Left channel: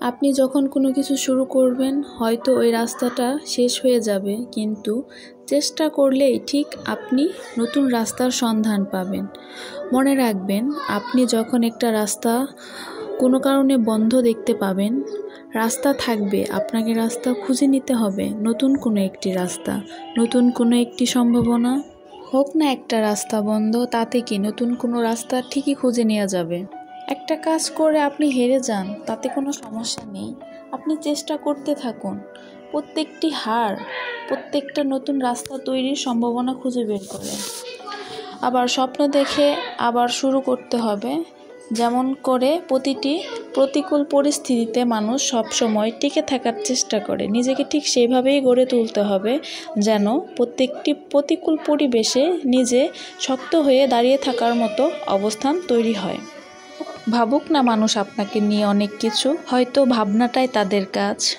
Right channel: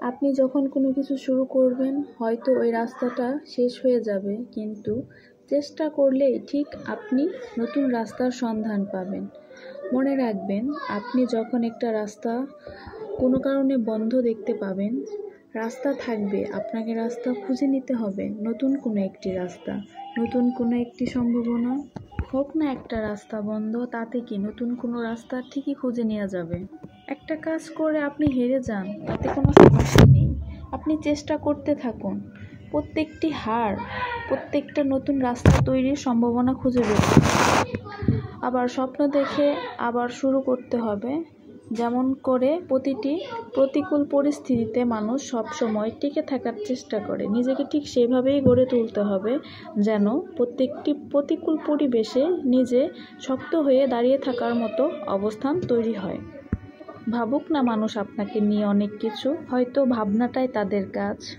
আপনি যখন কোনো কিছু শুরু করবেন হয়তো ওই রাস্তাটা শেষ হয়ে যাবে, কিন্তু চেষ্টা করলেই ঠিক আপনি নতুন রাস্তার সন্ধান পাবেন। মনে রাখবেন, আপনি যখন একটা রাস্তা কোনো কারণে বন্ধ দেখতে পাবেন, রাস্তা থাকবে, আপনাকে রাস্তা খুঁজে নিতে হবে, নতুন কোনো একটি রাস্তা, নতুন কোনো একটি সম্ভাবনা। হোক না একটা রাস্তা বন্ধ, তাতে কি নতুন কোনো রাস্তা ঠিকই খুঁজে নেওয়া যাবে। একটা কাজ করে আপনি হেরে যান, তাতে কোনো সমস্যা নেই, আপনি চেষ্টা করতে থাকুন। প্রত্যেকটি হার প্রত্যেকটা নতুন রাস্তা তৈরির সম্ভাবনা খুঁজে বের করুন। আবার স্বপ্ন দেখে আবার শুরু করতে হবে। যেমন করে প্রতিটি প্রতিকূল পরিস্থিতিতে মানুষ সবসময় টিকে থাকার চেষ্টা করে, নিজেকে ঠিক সেইভাবেই গড়ে তুলতে হবে যেন প্রত্যেকটি প্রতিকূল পরিবেশে নিজে শক্ত হয়ে দাঁড়িয়ে থাকার মতো অবস্থান তৈরি হয়। ভাবুক না মানুষ আপনাকে নিয়ে অনেক কিছু, হয়তো ভাবনাটাই তাদের কাজ।